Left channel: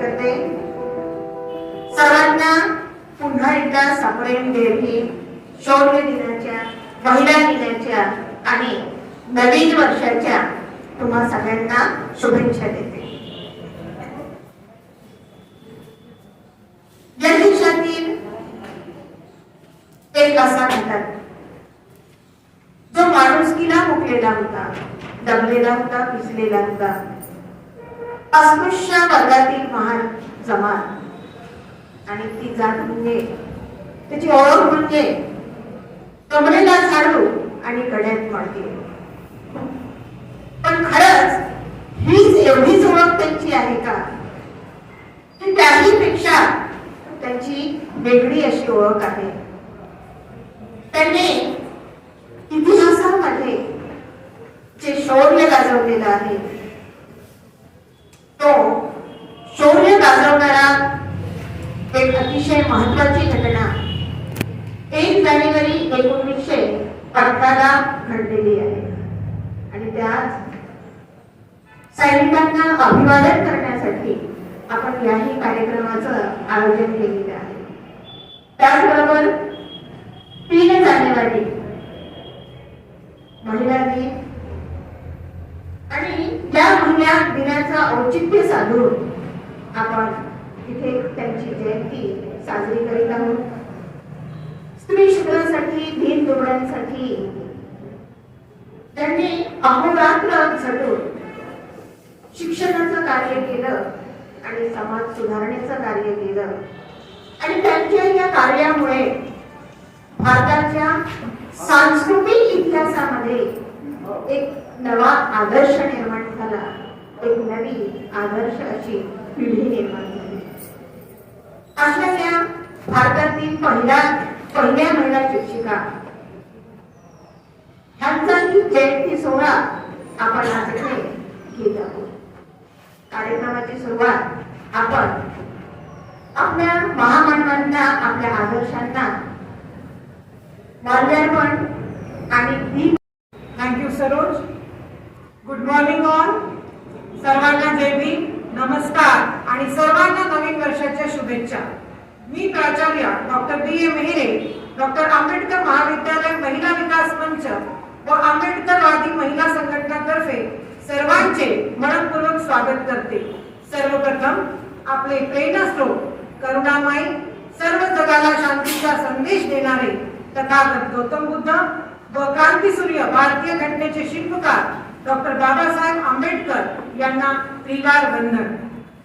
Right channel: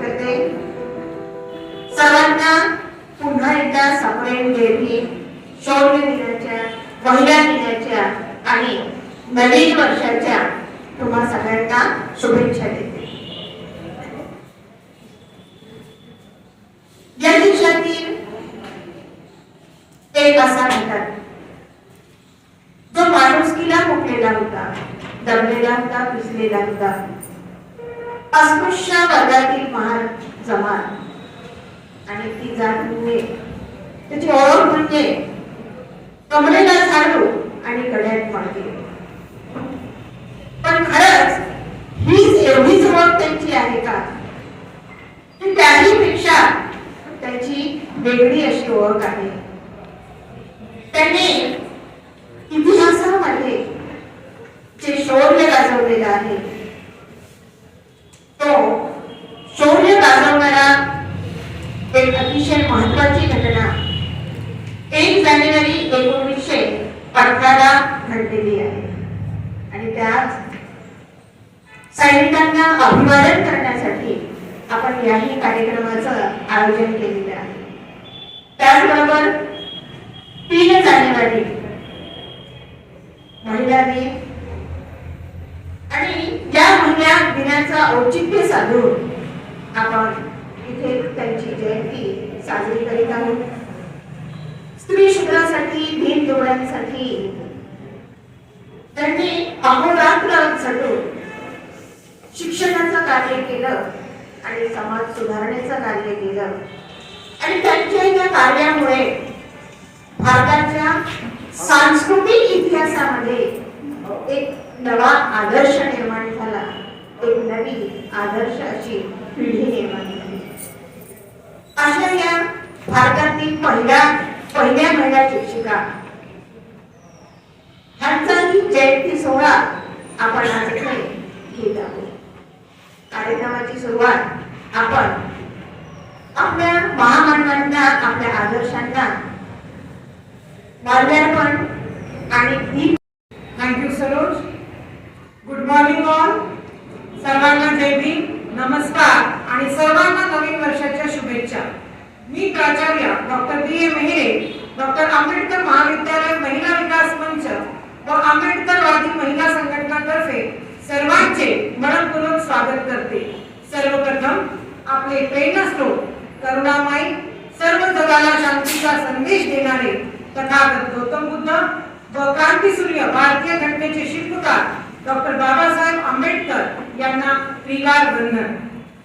करते. सर्वांना पुन्हा एकदा सप्रेम देवी शौर्य दिनाच्या, महिला दिनाच्या आणि नवीन वर्षाच्या तुम्हा सगळ्यांना शुभेच्छा देते. या दिवसातील एक असा घटक जो माणुसकीला मुकलेला होता, दमलेला होता, पिसलेला होता. अस्पृश्य वर्गातील महान जमात आणि ती जात म्हणजे त्याची ओळख म्हणजे कमरेला झाडू आणि गड्यात मडके. पण खरंच हीच एवढीच ओळख त्यांची आहे का? त्याही पेक्षा त्यांची वेगळी अशी ओळख आहे. त्यांनी इतिहासामध्ये जे शौर्य गाजवलेलं आहे, तो शौर्य गाजवणारा एक अतिशय महत्वाची घटना 1 जानेवारी 1918 घडलेली आहे. आणि त्यात सैनिकांना अभिवादन करण्यासाठी आपण याही कार्यक्रमाचं आयोजन केलेलं आहे. त्याचबरोबर 3 जानेवारी महिला दिन आणि या महिला दिनाचा औचित्य साधून आपण इथे त्यांची जयंती साजरी करीत आहोत. स्त्री शूद्रासाठी, दीन दुबळ्यांसाठी त्यांनी अहोरात्र झटून शिक्षणाचं कार्य केलं आणि समाज सुधारण्याचं कार्य केलं. आणि त्यांच्या या कार्यामुळे भारताच्या सांस्कृतिक इतिहासामध्ये एक नवा आदर्श निर्माण झाला, एक नवी आदर्श अशी पिढी निर्माण झाली. अशा या भारतातील पहिल्या महिला शिक्षिका ह्यांचाही जयंती सोहळा आपण आज इथे घेत आहोत. कार्यक्रमाची सुरुवात आपण आपल्या महामानवांना, आपल्या आदर्शांना माल्यार्पण आणि दीप. Thank you Saroj. Good morning all. सर्वांना जय भीम, नमस्कार आणि सर्वांना नवीन वर्षाच्या शुभेच्छा. मी प्राचार्य डॉक्टर बी ए मेहरे, डॉक्टर आंबेडकर महाविद्यालय महिला विकास मंच व आंबेडकरवादी महिला संघटनातर्फे सर्वांचे मनपूर्वक स्वागत करते. सर्वप्रथम आपले प्रेरणास्त्रोत, करुणामयी, सर्व जगाला शांतीचा संदेश देणारे तथागत गौतम बुद्ध व क्रांतीसूर्य भारतीय घटनेचे शिल्पकार डॉक्टर बाबासाहेब आंबेडकर यांना त्रिवार वंदन.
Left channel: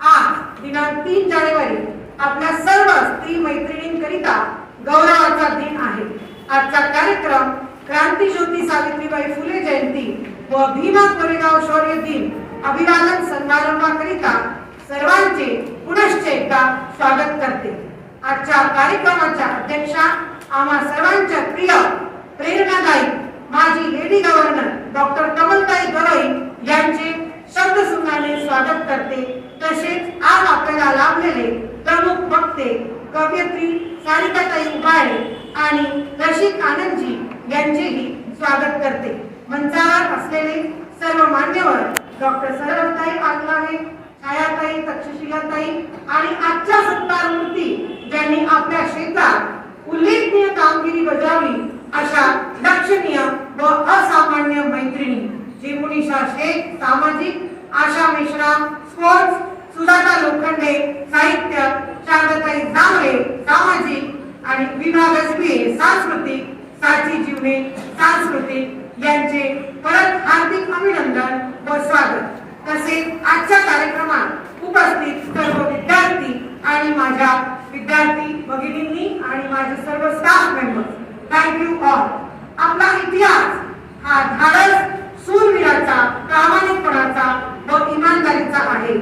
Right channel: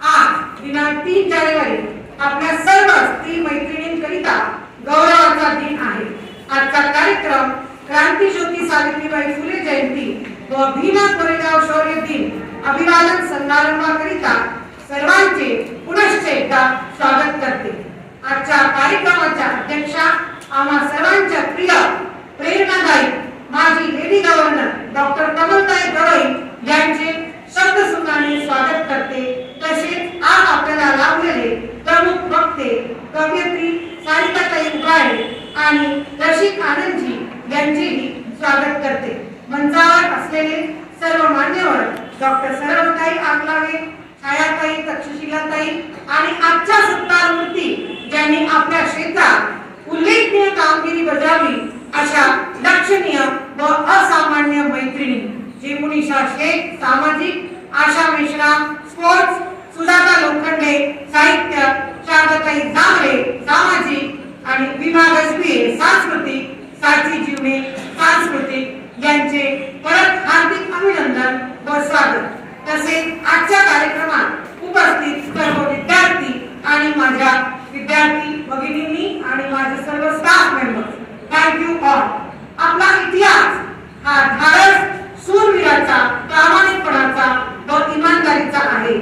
आज दिनांक 3 जानेवारी आपल्या सर्व स्त्री मैत्रिणींकरिता गौरवाचा दिन आहे. आजचा कार्यक्रम क्रांतीज्योती सावित्रीबाई फुले जयंती व भीमा कोरेगाव शौर्य दिन अभिवादन समारंभाकरिता सर्वांचे पुनश्च एकदा स्वागत करते. आजच्या कार्यक्रमाच्या अध्यक्षा आम्हा सर्वांच्या प्रिय, प्रेरणादायी माजी lady governor doctor Kamaltai Gavai यांचे शब्दसुमनाने स्वागत करते. तसेच आज आपल्याला लाभलेले प्रमुख वक्ते, कवयित्री सारिकाताई उबाळे आणि रसिक आनंदजी यांचेही स्वागत करते. मंचावर असलेले सर्व मान्यवर डॉक्टर सर्वताई आगलावे, छायाताई, तक्षशिलाताई आणि आजच्या सत्कार मूर्ती ज्यांनी आपल्या क्षेत्रात उल्लेखनीय कामगिरी बजावली अशा लक्षणीय व असामान्य मैत्रिणी जेमुनिशा शेख सामाजिक, आशा मेश्राम स्पोर्ट्स, सुजाता लोखंडे साहित्य, शारदाताई जांभळे सामाजिक आणि विभा गजबे सांस्कृतिक, साची जीवने सांस्कृतिक यांचे परत हार्दिक अभिनंदन व स्वागत. तसेच आजच्या कार्यक्रमात उपस्थित सर्व विद्यार्थी आणि माझ्या विद्यार्थी भगिनींनी आणि माझे सर्व स्टाफ मेंबर्स, थँक्यू ऑल. आपला इतिहास हा धाडस, शूरवीराचा, प्रामाणिकपणाचा व इमानदारीचा आहे.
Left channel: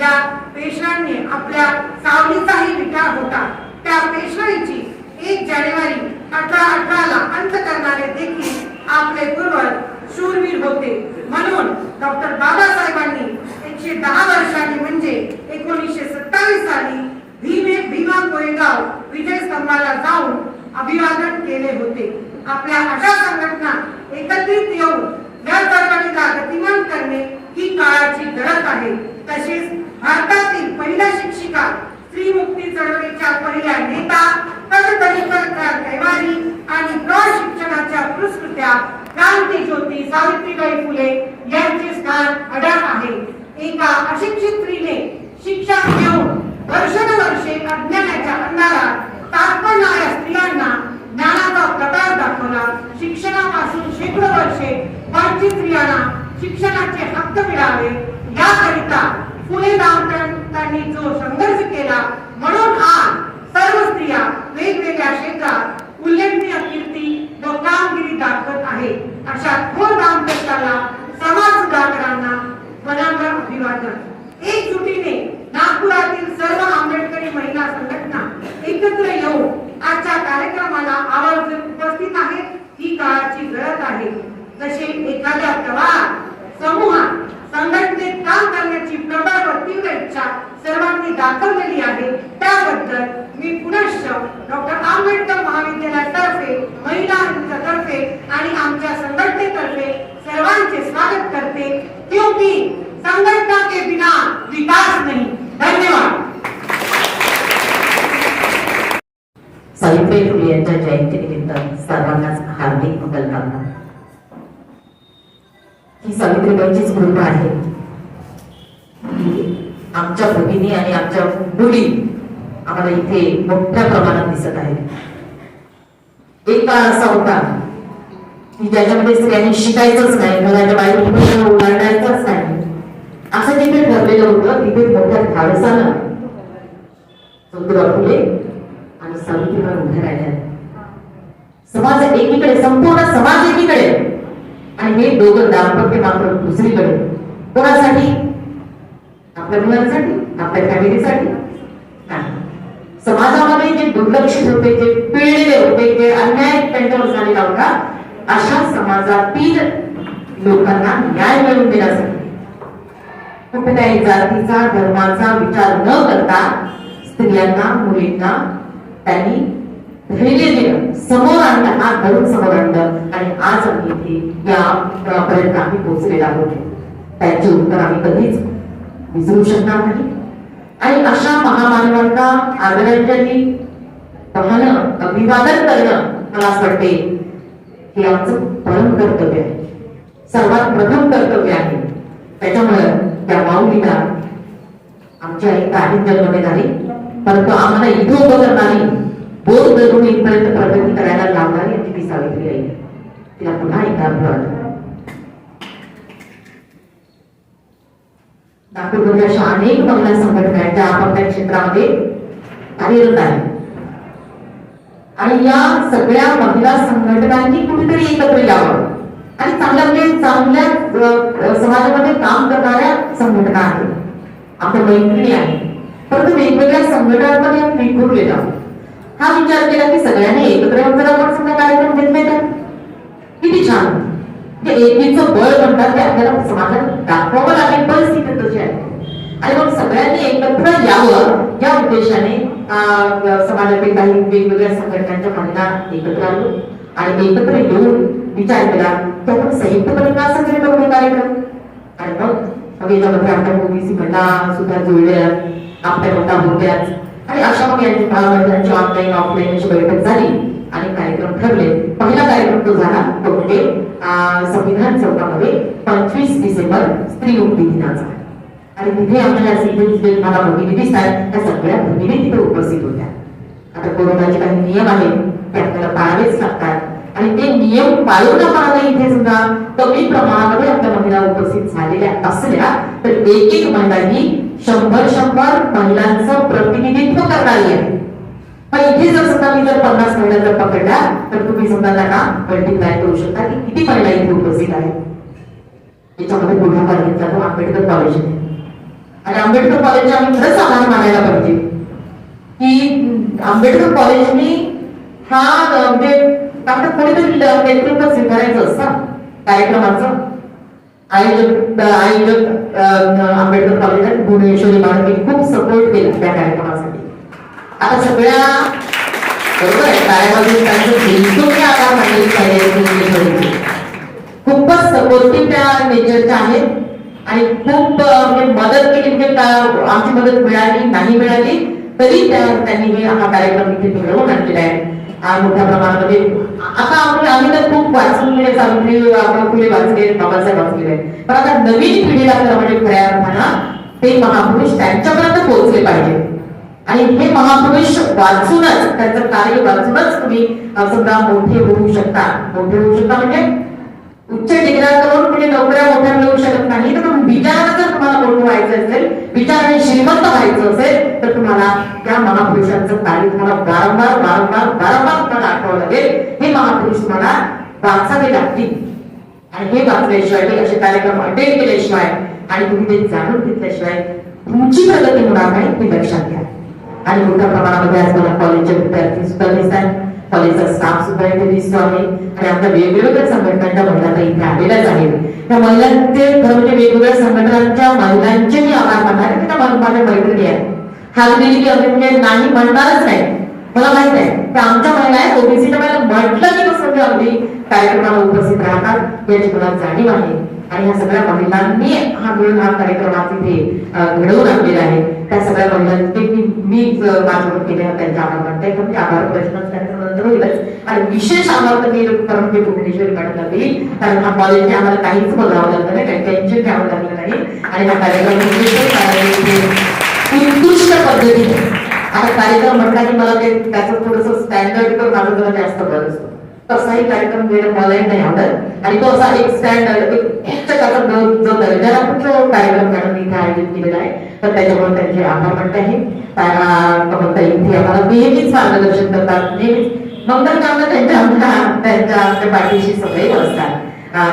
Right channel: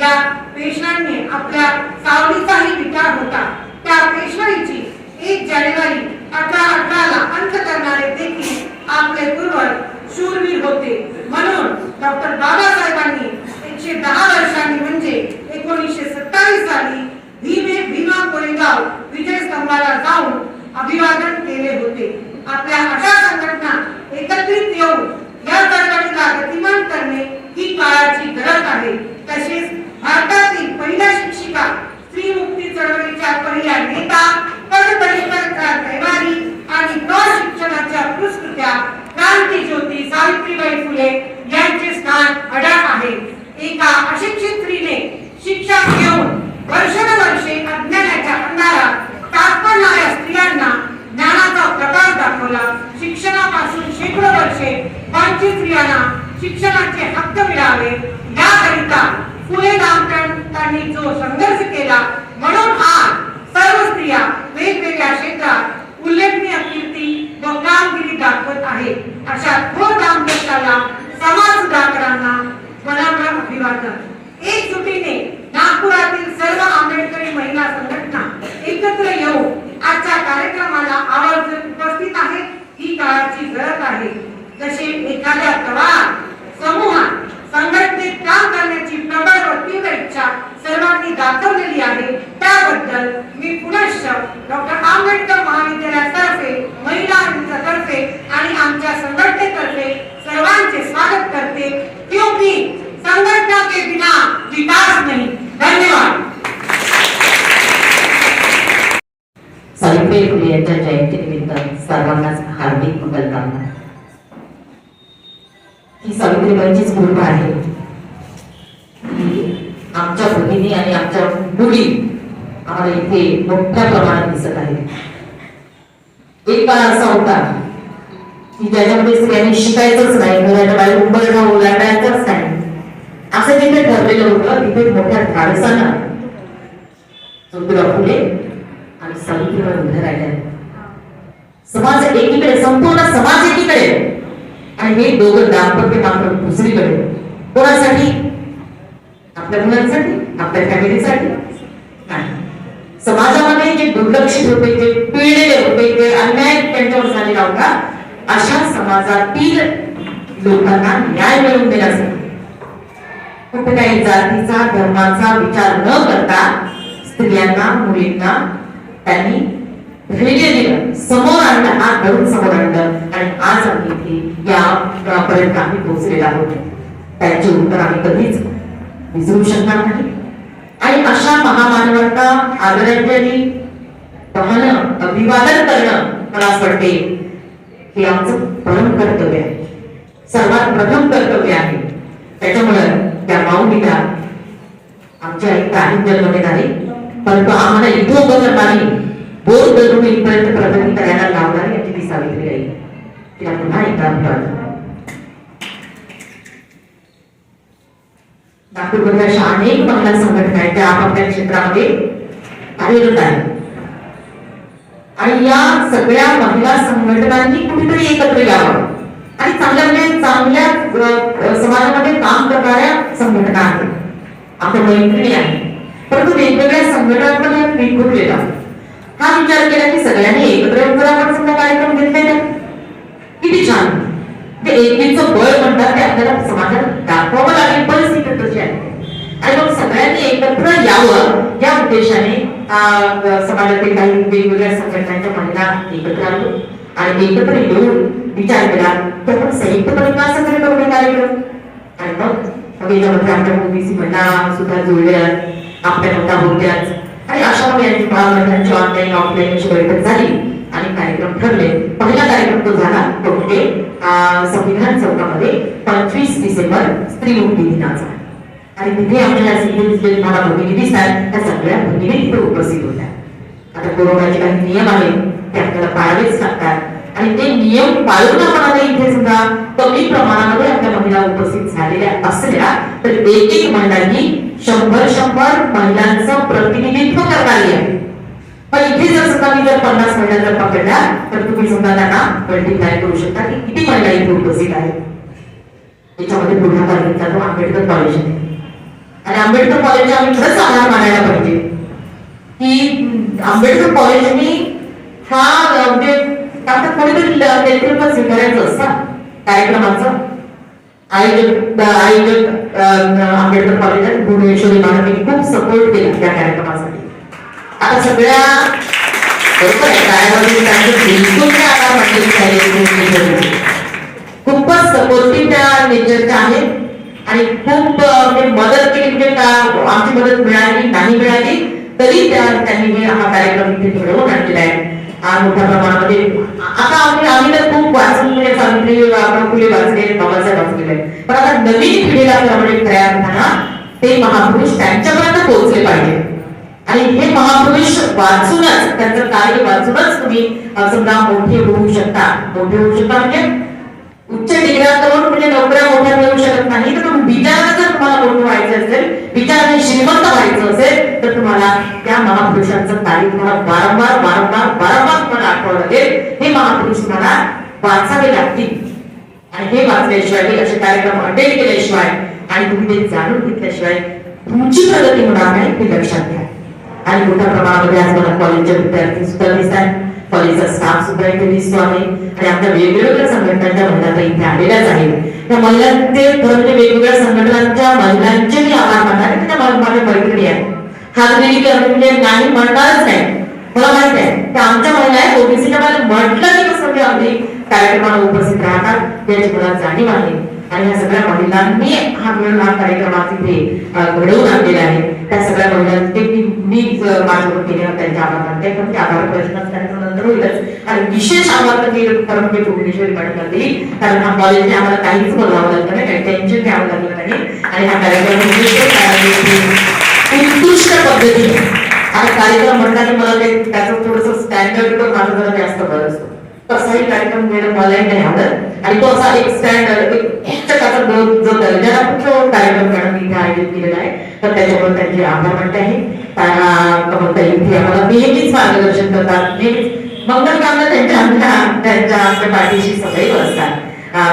या पेशव्यांनी आपल्या सावलीचाही विचार होता. त्या पेशवाईची 1 जानेवारी 1818 अंत करणारे देखील आपले पूर्वज शूरवीर होते. म्हणून डॉक्टर बाबासाहेबांनी 110 वर्षांनी म्हणजे 1927 साली भीमा कोरेगाव विजय स्तंभाला जाऊन अभिवादन केले होते. आपल्या अशा संघटना एकत्रित येऊन या चळवळीला गतिमान करणे ही काळाची गरज आहे. तसेच भारतातील पहिल्या शिक्षिका स्त्रियांना शिक्षणाचे हक्क मिळावे याकरिता फुले दांपत्यांनी जो संघर्ष केला, म्हणून आज सर्व स्त्रिया वेगवेगळ्या क्षेत्रात उल्लेखनीय कीर्ती व कामगिरी दाखवत आहेत. अशा थोर दाम्पत्याला समाज सुधारकांना मनम्र अभिवादन. एकजुटीने नागपुरातील सर्व आंबेडकरी महिला संघटना एकत्र येऊन आजच्या कार्यक्रमाला आवर्जून उपस्थित आहेत. ही काळाची गरज आहे. जसे एखाद्या तळात समूहात संघटनेत काम करण्याची प्रबळ व तीव्र इच्छा सर्वांनी दाखवलेली आहे, त्याबद्दल मी पुनश्च डॉक्टर आंबेडकर महाविद्यालयातर्फे, महिलांतर्फे आणि आमच्या संघटनेतर्फे सर्वांचे स्वागत करते. क्योंकि संघटना के बिना विकास नहीं. धन्यवाद. सावित्रीबाई फुले यांच्या जयंतीनिमित्त सर्वांनाच हार्दिक मंगलकामना. ही सावित्रीबाईंचीच कृपा आहे की आमच्या भगिनी आणि आमच्या मुली आम्हाला इथे मोठ्या प्रमाणात दिसत आहेत. एक काळ असा होता की ज्याच्यामध्ये स्त्रियांनी शिकायचंच नाही, मुलांच्या बाहेर उभं ओलांडायचंच नाही, असं जिथे ठरलेलं होतं तिथे मोठ्या धाडसानं ज्योतिबा फुले आणि सावित्रीबाई उभ्या राहिल्या. समाज एकीकडे, संपूर्ण समाज एकीकडे आणि हे दोघं दाम्पत्य मात्र दुसरीकडे. कोणासाठी? आपल्या मुलांसाठी, आपल्या फॅमिलीसाठी नाही. समाजामध्ये जे दुर्लक्षित होते, जे पिळलेले होते, जे अन्याय त्यांच्यावर झालेला होता, अशा समाजातील लोकांना न्याय मिळवून देण्यासाठी फक्त काही जातीचा, धर्माचा विचार न करता स्त्रियांना, मुलींना त्यांनी धैर्य दिलं, समोर आणलं, हात धरून समोर आणलं आणि आज आम्ही इथे यापर्यंत आम्ही पोहोचलेलो आहोत. त्यांचे उत्तर आम्ही कधीच विसरू शकणार नाही. आणि अशा महामानवांना आदरांजली वाहणं, अभिवादन करणं मला असं वाटते हे आमचं परम कर्तव्य आहे, सर्वात प्रथम कर्तव्य आहे. त्याच्यामुळे त्या माऊलीला आमच्या एक काही जन्म नाही, परंतु आम्हाला इथं उभं करणारी, बोर धरून इथपर्यंत प्रगती करायला लावणारी आमची ती सावित्री आहे. तिला पुन्हा एकदा अभिवादन. नागपूरमध्ये अशा अनेक महिला संघटना आहेत त्या आपापल्या क्षेत्रामध्ये कार्यरत आहेत आणि या सगळ्या महिला संघटनांनी कुठेतरी एकत्र यावं आणि चांगल्या समाजामध्ये काम करणाऱ्या संघटना आहेत, आपण मैत्री आहे, परंतु वेगवेगळ्या संघटनांमध्ये विखुरलेला हा विचार केला की सगळ्यांनी एकत्र येऊन जर आपण समजा कार्यक्रम घेतले तर किती छान. ते एकीचं बळ म्हणतात ते आपल्याला समाजात दाखवावं लागेल, परिस्थिती तशी आहे. आणि मग सगळ्यांनी एकत्र यावं या उद्देशाने समाजातील काही वेगवेगळ्या संघटनांच्या महिला एकत्र आलो आणि एकत्र येऊन विचार केला की आपण संयुक्तपणे का साजरे करू कार्यक्रम. आणि मग याच्यामध्ये आपल्या ओबीसी महिला सुद्धा जुळल्या, आपल्या नोटा होत्याच आणि अशा महिलांची ऑनलाईन ऑफलाईन अशी बैठक झाली आणि कार्यक्रम ठरले. पहिला कार्यक्रम तो झाला तो म्हणजे संविधान चौकामध्ये 25 डिसेंबर स्त्री मुक्ती दिनाचा. आणि तिथे आपल्याला मला भगिनी दिसतात त्या सगळ्या भगिनी तिथे उपस्थित होत्या. आता कोरोनाचे काही नियम आहेत ते आपल्याला पाळावेच लागतात आणि ते नियम पाळून आपण इथे सुद्धा कमी प्रमाणामध्ये आपल्या महिला उपस्थित झालेल्या असल्या तर एक महिलांनी 100 महिलांचं प्रतिनिधित्व करणारी आहे. पण इथे जर समजा मी जर 50 महिला जर पकडल्या तर तुम्ही समजा त्यांना मल्टिप्लाय करू शकता की किती महिला इथे उपस्थित आहेत. याच्यामध्ये पुढाकार घेतला तो आंबेडकर कॉलेज आहे आणि आंबेडकर कॉलेजचे आम्ही खरंच आभार मानायला पाहिजे की आंबेडकर कॉलेजने हा म्हणजे कोणीतरी नेतृत्व स्वीकारायचं असतं कार्यक्रमाचं. आयोजक आंबेडकर कॉलेजात भुवनेश्वरी मॅडमने खूप सपोर्ट केला त्या कार्यक्रमासाठी. आता सगळ्या बरोबर आहे कार्यक्रमाचे त्यांचे बिलकुल आभार मानले पाहिजे. खूपच सपोर्टिव्ह त्या नेचरच्या आहेत आणि खूप मदत केली. म्हणजे आमची मदत मिळाली नाही मिळाली तरी त्यांनी हा कार्यक्रम इथे घडवून आणलेला आहे मोठ्या प्रमाणामध्ये. आता आम्ही तर खूप वाचून म्हणजे सावित्री फुले वाचले, बाबासाहेब वाचलेले, पण आता नवीन पिढीला म्हणजे खऱ्या अर्थानं ते महापुरुष त्यांच्यापर्यंत पोहोचले पाहिजे. आणि हे महापुरुष वाचूनच त्यांचं कार्य वाचूनच तुम्ही समजा मोठे होऊ शकता. मोठे होऊ शकता म्हणजे उच्च डिग्र्या करून म्हणजे सारी तुम्हाला वारंवार वारंवार वारंवार तुम्हाला आठवावं लागेल. हे महापुरुष तुम्हाला वाचावे लागतील आणि हे वाचल्याशिवाय हे असे कार्यक्रम अटेंड केल्याशिवाय आणि तुम्ही ते जाणून घेतल्याशिवाय तुमची प्रगती होणार नाही हे लक्षात घ्या. आणि मोठ्या प्रमाणामध्ये आज मला कॉलेजचे विद्यार्थी सुद्धा दिसतात, कॉलेजचा स्टाफ सुद्धा इथे दिसतो आहे आणि आपल्या वेगवेगळ्या संघटनांच्या महिला तर इथे आलेल्याच आहेत. त्या महिलांचे खरं म्हणजे वेगवेगळ्या संघटनांच्या महिलांचे मी आभार मानणार आहे. त्या माझ्या मैत्रिणी आहेत, हातगिरी म्हणजे नाही म्हणणारच नाही. मला माहित आहे त्या आमच्या महिला आहेत, ओबीसीच्या महिला म्हटलं की कसं म्हणजे अगदी कार्यक्रमाला उपस्थित राहतात याची मला जाणीव आहे. आणि ह्या सगळ्या महिलांनी हा मिळून हा कार्यक्रमात इथे घडवून आणलेला आहे. त्या सगळ्या महिलांचे मी माझ्यावर केले त्यांचे आभार मानते. पण ते आभार प्रश्न नंतर होईलच. आणि विशेष आभार तर मी म्हणजे भुवनेश्वरी मॅडमला दिली, कारण हा कॉलेजने आम्हाला काहीच बोलावं लागलं नाही, काही टेन्शन घ्यावं लागलं नाही. आणि हा कार्यक्रम उत्कृष्ट पद्धतीने आता कार्यक्रम म्हणताना मला ते त्याचं थोडंसं स्टँडर्ड तर माझं जरा जास्त बरं असतो. तसाही कार्यक्रम घेणं मलाही नाही आवडत आणि तो असा एक स्टँडर्ड एक त्याचा जो दर्जाला तो कार्यक्रम मॅडम इथे आयोजित केलेला आहे. तर त्याच्यामुळे त्यांचे आभार मानते आहे. कमलताई इथे आम्हाला नेहमीच मार्गदर्शन करतात, नेहमीच मंगल कामना त्यांच्या पाठीशी सदैव असतात.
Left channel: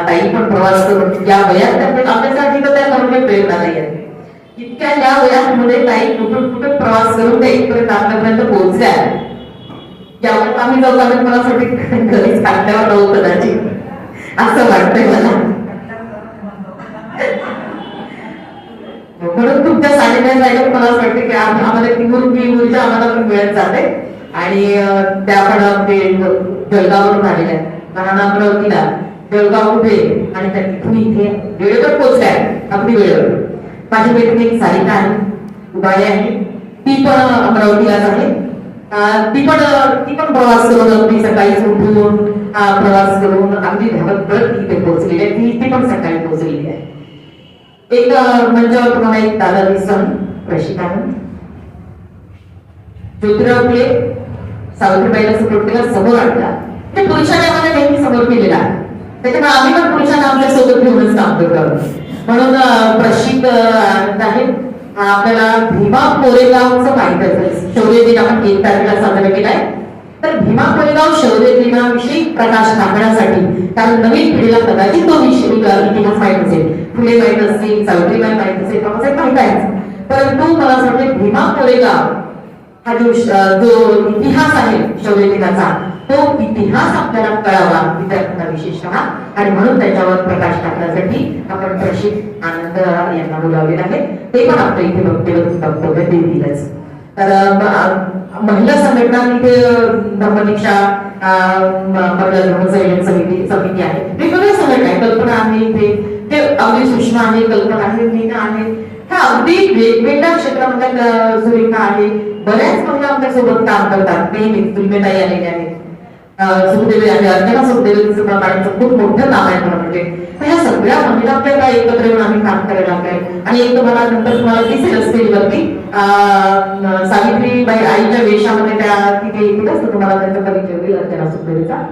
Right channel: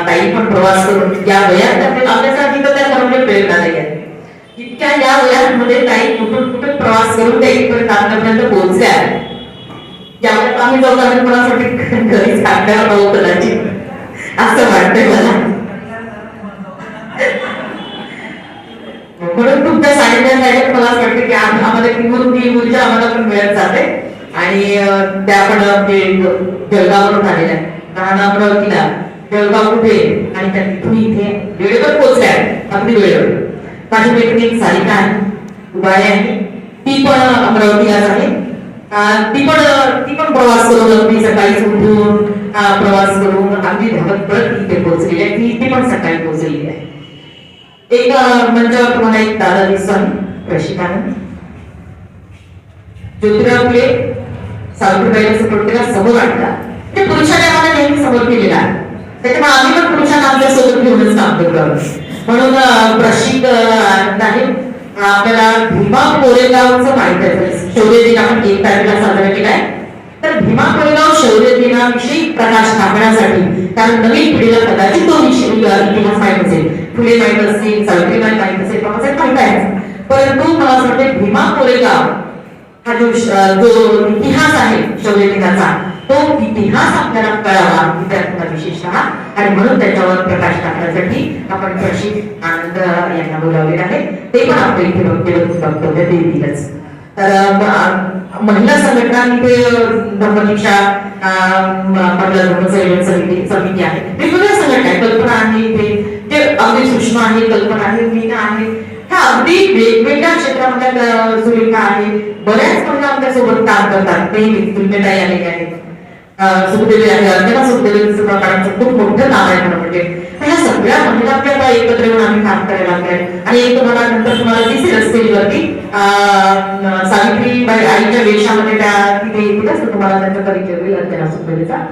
ताई पण प्रवास करून या वयात आपल्यासाठी तर त्या खरोखर प्रेरणा नाही आहेत. इतक्या या वयामध्ये ताई कुठून कुठून प्रवास करून त्या इथपर्यंत आपल्यापर्यंत पोहोचल्या आहेत. यावर आम्ही जाऊ मला वाटतं घरी सांगण्यावर नव्हतं कदाचित असं वाटतंय मला. म्हणून तुमच्या सानिध्यात राहिल्यात मला असं वाटतं की आम्हाला किंमत ही ऊर्जा आम्हाला पण मिळत जाते. आणि त्या आपण म्हणजे जळगाववरून आलेल्या राहणं अमरावतीला, जळगाव कुठे आणि त्या तिथून इथे वेळेवर पोहोचल्या अगदी वेळेवर. माझी मैत्रिणी सारिका आहे, उबाळे आहे, ती पण अमरावतीलाच आहे. ती पण प्रवास करून अगदी सकाळी उठून प्रवास करून अगदी धावत पडत इथे पोहोचलेली आहे. ती पण सकाळी पोहोचलेली आहे. एक मंचावर तुम्हाला एक दादा दिसतो प्रशिक्षण ज्योतिराव फुले सावित्रीबाईला सपोर्ट केला, समोर आणला. ते पुरुषाने आम्हाला नेहमी समोर केलेला आहे, त्याच्यामुळे आम्ही पण पुरुषांना आपल्या सोबत घेऊनच काम करतो. म्हणून प्रशिक्षण आहे आपल्याला भीमा कोरेगावचं माहित आहे. शौर्य दिन आपण 1 तारखेला साजरा केलाय. तर भीमा कोरेगाव शौर्य दिनाविषयी प्रकाश टाकण्यासाठी, कारण नवीन पिढीला कदाचित तो इतिहास माहित असेल, फुले माहित असतील, सावित्रीबाई माहित असेल, बाबासाहेब माहित आहे, परंतु मला असं वाटतं भीमा कोरेगाव हा जो इतिहास आहे शौर्य दिनाचा, तो इतिहास आपल्याला कळावा विद्यार्थ्यांना विशेषतः. आणि म्हणून त्याच्यावर प्रकाश टाकण्यासाठी आपण प्रशिक्षक आनंद यांना बोलावले आहे. ते पण आपल्या इथे वक्तव्य देतीलच. तर महिला संघटना इथे धम्मदीक्षा महिला धर्मसंयोजन समिती आहे, वेगवेगळ्या संघटना आहे. कल्पना आहे इथे, ते अगदी सुषमा आहे, कल्पना आहे, मीना आहे. ह्या अगदी वेगवेगळ्या क्षेत्रामध्ये सुरेखा आहे. बऱ्याच महिला आमच्या सोबत काम करतात. नेहमीच तुलमेताई आलेली आहेत, सुखदेवी आहे, अर्चना सुखदेवीचं मॅडमचं खूप मोठं नाव आहे खरं म्हणजे. ह्या सगळ्या महिला आपल्याला एकत्र येऊन आम्ही काम करायला लागलोय. आणि एक तुम्हाला नंतर तुम्हाला दिसेल स्टेजवरती सावित्रीबाई आईच्या वेशामध्ये त्या तिथे येतीलच, तुम्हाला त्यांचा परिचय होईल अर्चना सुखदेवीचा.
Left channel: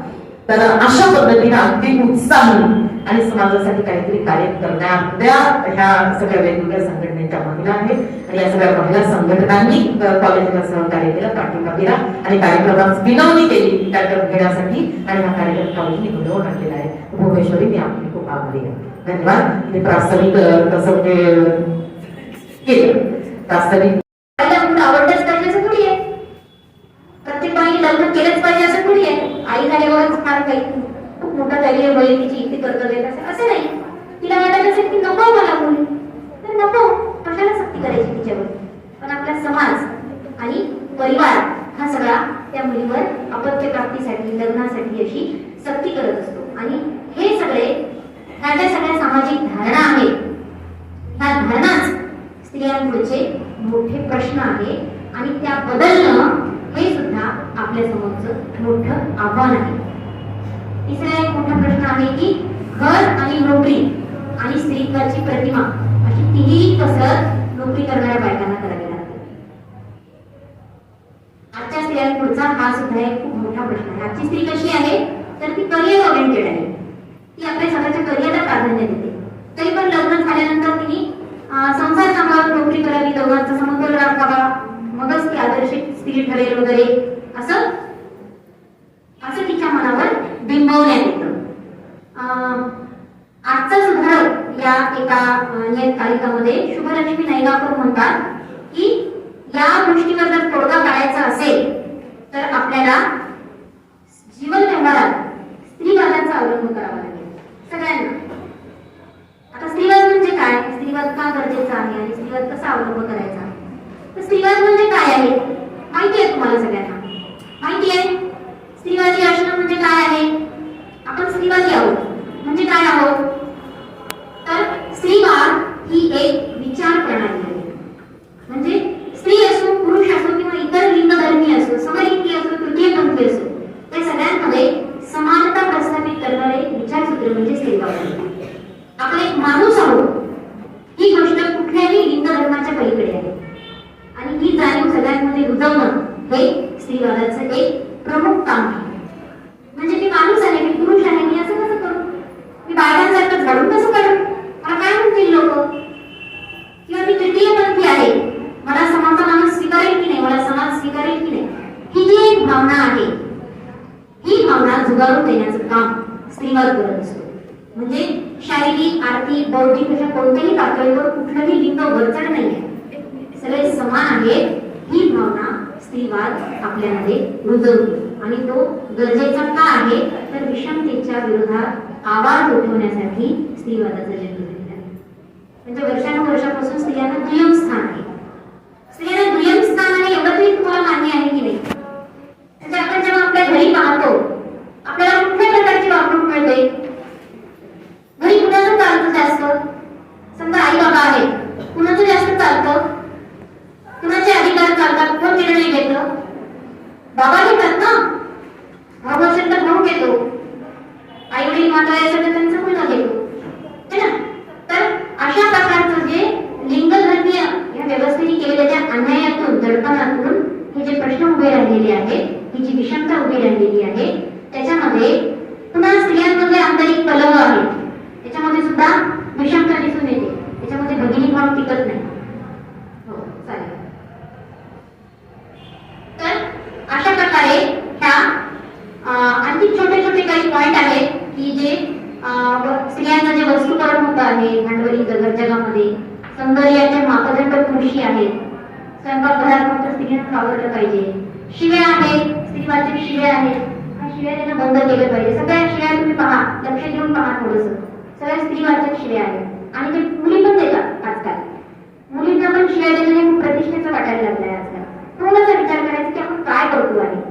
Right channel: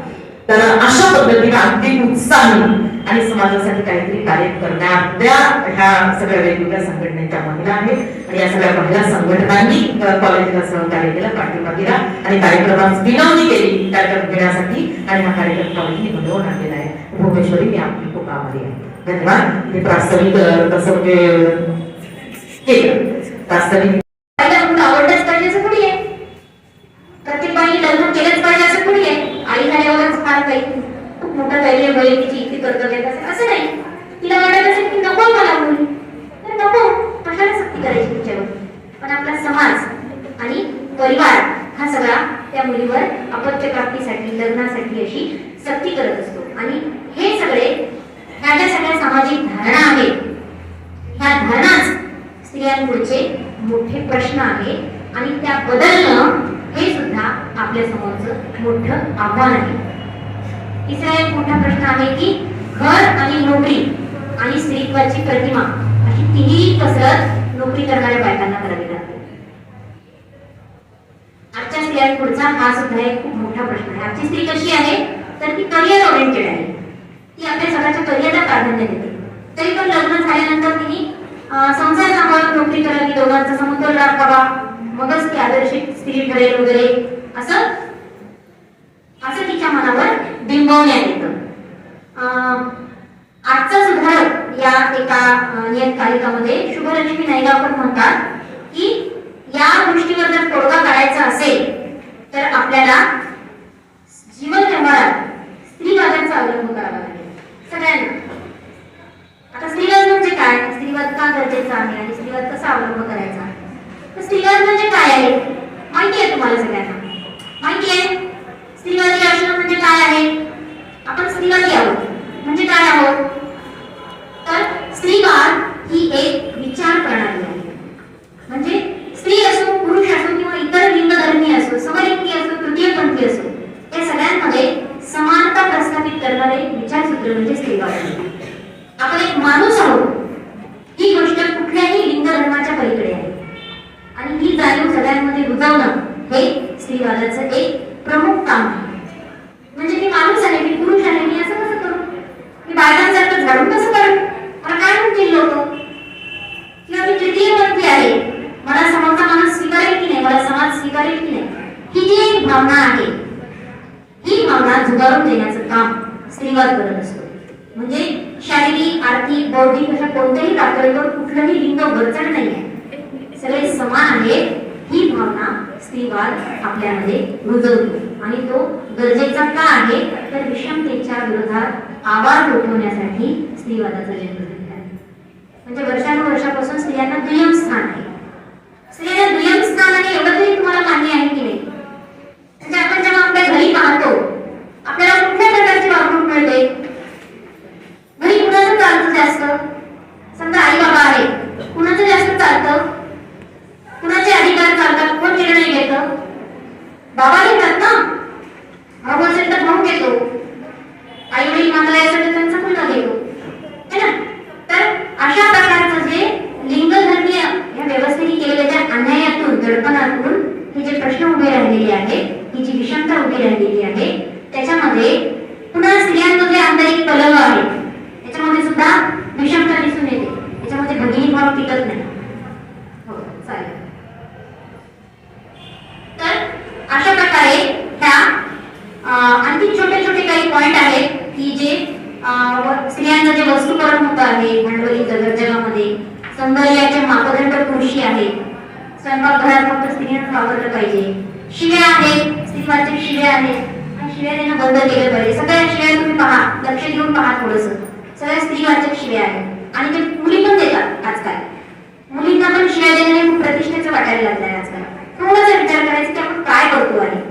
तर अशा पद्धतीने अगदी उत्साही आणि समाजासाठी काहीतरी कार्य करणाऱ्या ह्या सगळ्या वेगवेगळ्या संघटनेच्या महिला आहेत. आणि या सगळ्या महिला संघटनांनी कॉलेजला सहकार्य केलं, पाठिंबा दिला आणि कार्यक्रमात विनवणी केली कार्यक्रम घेण्यासाठी. आणि हा कार्यक्रम कॉलेजने घडवून आणलेला आहे. भुवनेश्वरी मी आपली खूप आभारी आहे. धन्यवाद. हे प्रास्ताविक कसं म्हणजे केलं प्रास्ताविक आवडलंच पाहिजे असं थोडी आहे. प्रत्येक बाईने लग्न केलंच पाहिजे असं थोडी आहे. आई झाल्यावरच फार काही खूप मोठा काही बळी तिची इथे कर्तव्य असेल असं नाही. तिला वाटत असेल की नको मला मुली, तर नको, कशाला सक्ती करायची तिच्यावर. पण आपला समाज आणि परिवार हा सगळा त्या मुलीवर अपत्य प्राप्तीसाठी लग्नासाठी अशी सक्ती करत असतो. आणि हे सगळे ह्या ज्या सगळ्या सामाजिक धारणा आहेत, ह्या धारणाच स्त्रियांपुढचे मोठे प्रश्न आहे. आणि त्या बदलणं हे सुद्धा आपल्या समोरचं मोठं आव्हान आहे. तिसरा एक मोठा प्रश्न आहे की घर आणि नोकरी आणि स्त्रीत्वाची प्रतिमा अशी तिन्ही कसरत नोकरी करणाऱ्या बायकांना करावी लागते. आजच्या स्त्रियांपुढचा हा सुद्धा एक खूप मोठा प्रश्न आहे. आजची स्त्री कशी आहे तर ती करिअर ओरिएंटेड आहे. ती आपल्या स्वतःच्या करिअरला प्राधान्य देते. तरी पण लग्न झाल्यानंतर तिने संसार सांभाळून नोकरी करावी, दोघांचा समतोल राखावा, मगच ती आदर्शित स्त्री ठरेल वगैरे असं असं तिच्या मनावर बिंबवण्यात येतं. आजचाच घर या एका नियतकालिकामध्ये शुभलक्ष्मी नायगावकर म्हणतात की या गोष्टीवर जर तोडगा काढायचा असेल तर आपल्याला जीवन व्यवहारात स्त्रीवादाचा अवलंब करावा लागेल सगळ्यांना. आता स्त्रीवाद म्हणजे काय, स्त्रीवाद का गरजेचा आहे आणि स्त्रीवाद कसा अवलंब करायचा, तर स्त्रीवाद म्हणजे काय आहे माहिती आहे तुम्हाला सगळ्यांना, माहिती आहे. स्त्रीवादी असणं म्हणजे काय आहे, आपण स्त्रीवादी आहोत म्हणजे काय आहोत, तर स्त्रीवाद ही एक विचार प्रणाली आहे. म्हणजे स्त्री असो, पुरुष असो किंवा इतर लिंगधर्मी असो, समलिंगी असो, तृतीयपंथी असो, या सगळ्यांमध्ये समानता प्रस्थापित करणारे विचारसूत्र म्हणजे स्त्रीवाद आहे. आपण एक माणूस आहोत ही गोष्ट कुठल्याही लिंगधर्माच्या पलीकडे आहे आणि ही जाणीव सगळ्यांमध्ये रुजवणं हे स्त्रीवादाचं एक प्रमुख काम आहे. म्हणजे मी माणूस आहे, मी पुरुष आहे, मी असं कसं करू, मी बायकांसारखं झाडून कसं काढू, मला काय म्हणतील लोक, किंवा मी तृतीयपंथी आहे, मला समोरचा माणूस स्वीकारेल की नाही, मला समाज स्वीकारेल की नाही, ही जी एक भावना आहे ही भावना झुगारून देण्याचं काम स्त्रीवाद करत असतो. म्हणजे शारीरिक, आर्थिक, बौद्धिक अशा कोणत्याही पातळीवर कुठलंही लिंग वरचढ नाही आहे, सगळे समान आहेत ही भावना स्त्रीवाद आपल्यामध्ये रुजवतो आणि तो गरजेचा का आहे तर विषमतेच्या विरोधात आवाज उठवण्यासाठी स्त्रीवादाचा जन्म झालेला आहे. म्हणजे वर्षानुवर्षापासून स्त्रियांना दुय्यम स्थान आहे. स्त्रियांना दुय्यम स्थान आहे एवढं तरी तुम्हाला मान्य आहे की नाही. म्हणजे आपण जेव्हा आपल्या घरी पाहतो आपल्याला कुठल्या प्रकारची वागणूक मिळते, घरी कुणाचं चालतं जास्त, समजा आई बाबा आहे, कुणाचं जास्त चालतं, कुणाचे अधिकार चालतात, कोण निर्णय घेतं, बाबा घेतात ना, भाऊ असेल तर भाऊ घेतो, आई वडील मात्र असेल तर त्यांचा मुलगा घेतो, है ना. तर अशा प्रकारचं जे लिंगधर्मीय या व्यवस्थेने केलेल्या त्या अन्यायातून, दडपणातून हे जे प्रश्न उभे राहिलेले आहेत, ही जी विषमता उभी राहिलेली आहे, त्याच्यामध्ये पुन्हा स्त्रियांमध्ये आंतरिक कलह आहे, त्याच्यामध्ये सुद्धा विषमता दिसून येते, त्याच्यामध्ये भगिनी भाव टिकत नाही. हो चालेल. तर अशा प्रकारे ह्या आणखी छोटे छोटे काही पॉइंट आहेत की जे स्त्रियांचं जे वस्तुकरण होत आहे भांडवली जगामध्ये, सौंदर्याचे मापदंड पुरुषी आहे, स्वयंपाकघरात फक्त स्त्रियांना वापरलं पाहिजे, शिव्या आहेत, स्त्रीवाचक शिव्या आहेत, शिव्या देणं बंद केलं पाहिजे. सगळ्या शिव्या तुम्ही पहा, लक्ष देऊन पहा थोडंसं, सगळ्या स्त्रीवाचक शिव्या आहेत आणि ते मुली पण देतात आजकाल. मुलींना पण शिव्या देणे खूप प्रतिष्ठेचं वाटायला लागलंय आजकाल. थोडासा विचार करायचा की आपण काय करतो आहे,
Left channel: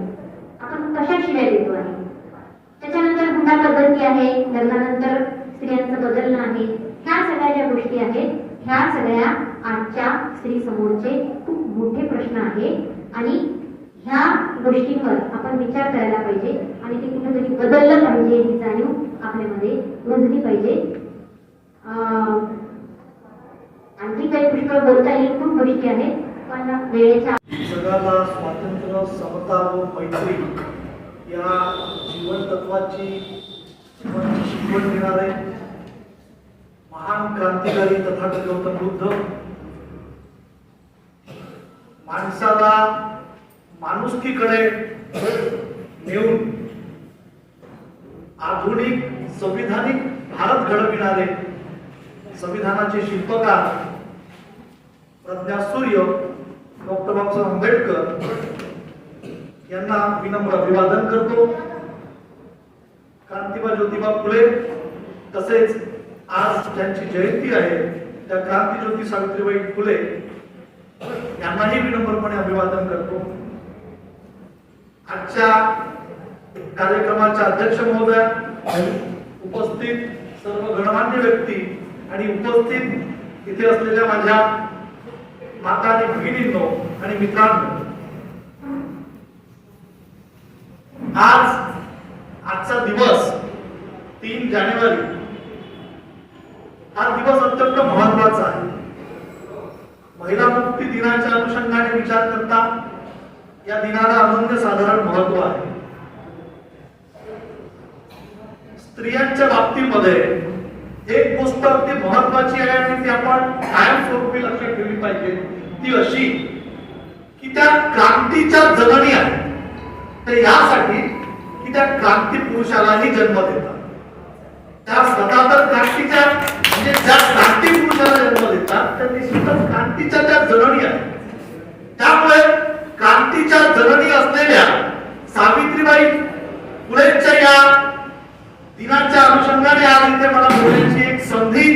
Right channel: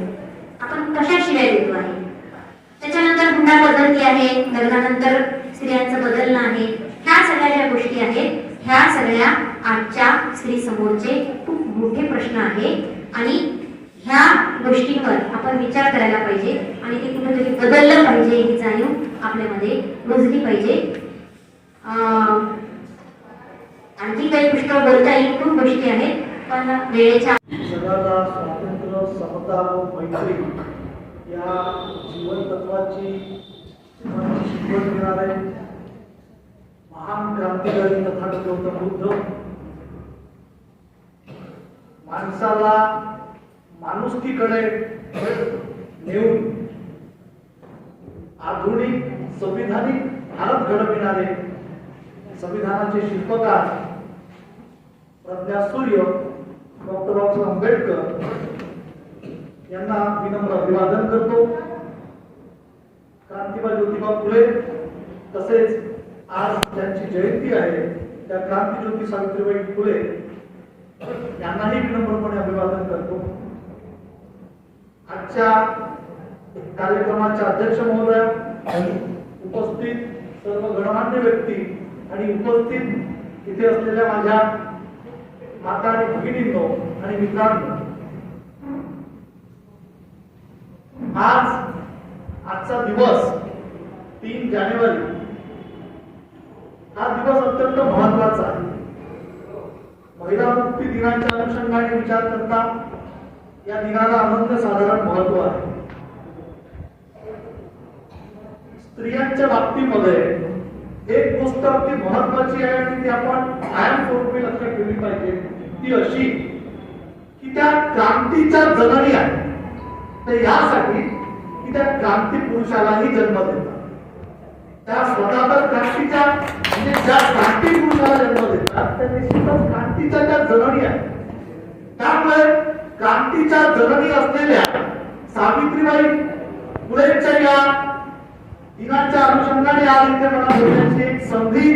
आपण कशा शिव्या देतो आहे. त्याच्यानंतर हुंडा पद्धती आहे, लग्नानंतर स्त्रियांचं बदलणं आहे, ह्या सगळ्या ज्या गोष्टी आहेत ह्या सगळ्या आजच्या स्त्री समोरचे खूप मोठे प्रश्न आहे आणि ह्या गोष्टींवर आपण विचार करायला पाहिजे आणि ते कुठेतरी बदललं पाहिजे ही जाणीव आपल्यामध्ये रुजली पाहिजे. आणखी काही पुष्कळ बोलता येईल, खूप गोष्टी आहेत पण वेळेच्या जगाला स्वातंत्र्य, समता व मैत्री या जीवन तत्वाची शिकवण देणारे महान क्रांतिकारी तथागत गौतम बुद्ध माणसाला माणुसकीकडे नेऊन आधुनिक संविधानिक भारत घडविणारे संविधानाचे शिल्पकार प्रज्ञासूर्य डॉक्टर बाबासाहेब आंबेडकर यांना विनम्र अभिवादन करतो. क्रांतिबा ज्योतिबा फुले तसेच आज ज्यांची जयंती आहे त्या क्रांतिज्योती सावित्रीबाई फुले यांनाही विनम्रपणे अभिवादन करतो. आजच्या कार्यक्रमाच्या अध्यक्ष महोदया, उपस्थित सर्व गणमान्य व्यक्ती आणि उपस्थित इथे असलेल्या माझ्या माता आणि भगिनींनो आणि मित्रांनो, आजचा दिवस 3 जानेवारी हा दिवस अत्यंत महत्वाचा आहे. महिला मुक्ती दिनाच्या अनुषंगाने विचार करता या दिनाला अनन्यसाधारण महत्व आहे. स्त्रियांच्या बाबतीमध्ये एक गोष्ट अगदी महत्वाची आहे आणि ती आपण कायमस्वरूपी लक्षात ठेवली पाहिजे, ती अशी की त्या क्रांतीच्या जननी आहेत. तर यासाठी की त्या क्रांती पुरुषालाही जन्म देतात. त्या स्वतः तर क्रांतीच्या म्हणजे ज्या क्रांती पुरुषाला जन्म देतात त्या निश्चितच क्रांतीच्या त्या जननी आहेत. त्यामुळे क्रांतीच्या जननी असलेल्या सावित्रीबाई फुलेंच्या या दिनाच्या अनुषंगाने आज इथे मला बोलण्याची एक संधी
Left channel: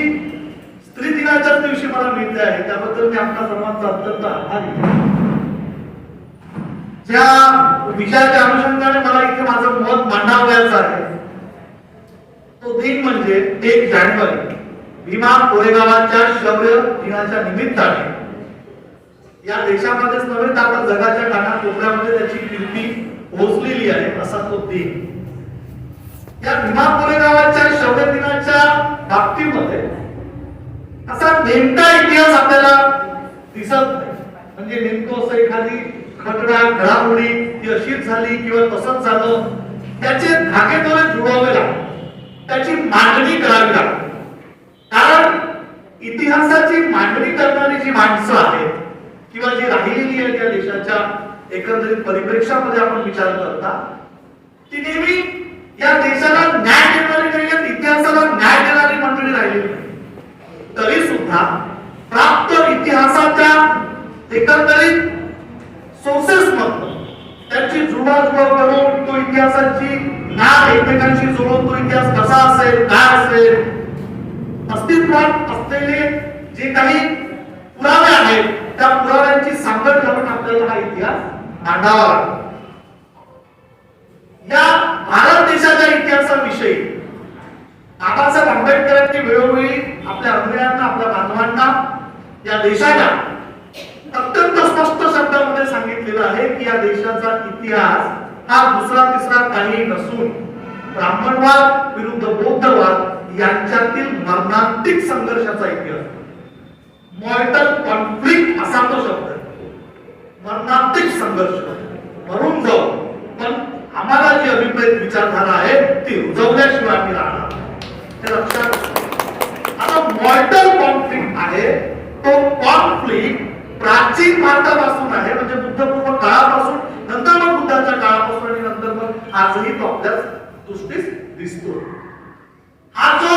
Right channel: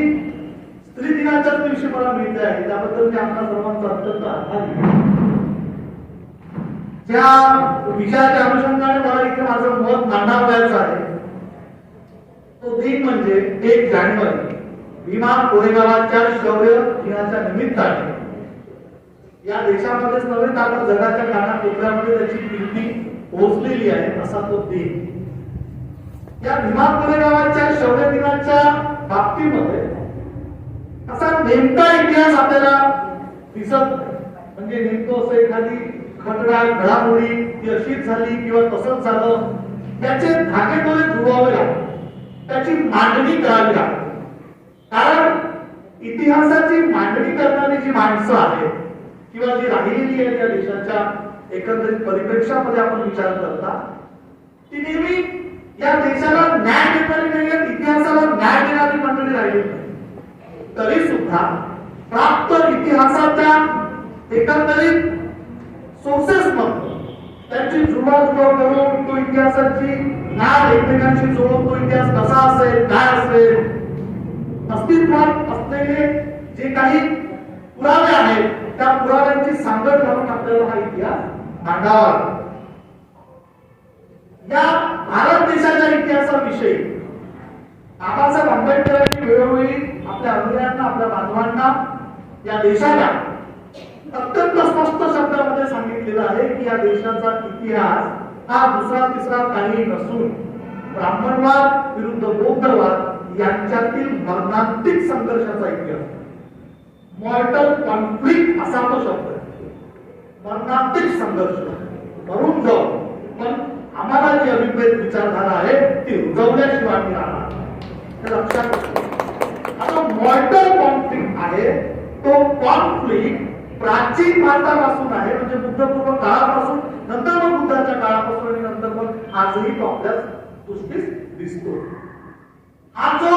स्त्री दिनाच्याच दिवशी मला मिळते आहे. त्याबद्दल मी आपल्या सर्वांचा अत्यंत आभारी आहे. ज्या विषयाच्या अनुषंगाने मला इथे माझं मत मांडावयाचं आहे तो दिन म्हणजे 1 जानेवारी भीमा कोरेगावाच्या शौर्य दिनाच्या निमित्ताने या देशामध्येच नव्हे तर आता जगाच्या कानाकोपऱ्यामध्ये त्याची कीर्ती पोहोचलेली आहे असा तो दिन. या भीमा कोरेगावाच्या शौर्य दिनाच्या बाबतीमध्ये असा नेमका इतिहास आपल्याला दिसत नाही. म्हणजे नेमकं असं एखादी घडामोडी ती अशीच झाली किंवा तसंच झालं त्याचे धागेदोरे जुळवावे लागतात. त्याची मांडणी करावी लागते. कारण इतिहासाची मांडणी करणारी जी माणसं आहेत किंवा जी राहिलेली आहे त्या देशाच्या एकंदरीत परिप्रेक्षामध्ये आपण विचार करता ती नेहमी या देशाला न्याय देणारी नाही, इतिहासाला न्याय देणारी मंडळी राहिलेली नाही. तरी सुद्धा प्राप्त इतिहासाच्या एकंदरीत सोर्सेस मधून त्यांची जुळवाजुळव करून तो इतिहासाची ज्ञान एकमेकांशी जोडून तो इतिहास कसा असेल काय असेल अस्तित्वात असलेले जे काही पुरावे आहेत त्या पुराव्यांची सांगड घालून आपल्याला हा इतिहास मांडावा लागतो. या भारत देशाच्या इतिहासाविषयी बाबासाहेब आंबेडकरांनी वेळोवेळी आपल्या अनुयायांना आपल्या बांधवांना या देशाला अत्यंत स्पष्ट शब्दामध्ये सांगितलेलं आहे की या देशाचा इतिहास हा दुसरा तिसरा काही नसून ब्राह्मणवाद विरुद्ध बौद्धवाद यांच्यातील मर्मांतिक संघर्षाचा इतिहास. मॉर्टल कॉन्फ्लिक्ट असा तो शब्द आहे. मर्मांतिक संघर्ष मरून जाऊ पण आम्हाला जी अभिप्रेत विचारधारा आहे ती रुजवल्याशिवाय मी राहणार. हे लक्षात ठेवा. आता मॉर्टल कॉन्फ्लिक्ट आहे तो कॉन्फ्लिक्ट प्राचीन भारतापासून आहे म्हणजे बुद्धपूर्व काळापासून नंतर मग बुद्धाच्या काळापासून आणि नंतर मग आजही तो आपल्या दृष्टीस दिसतो. हा जो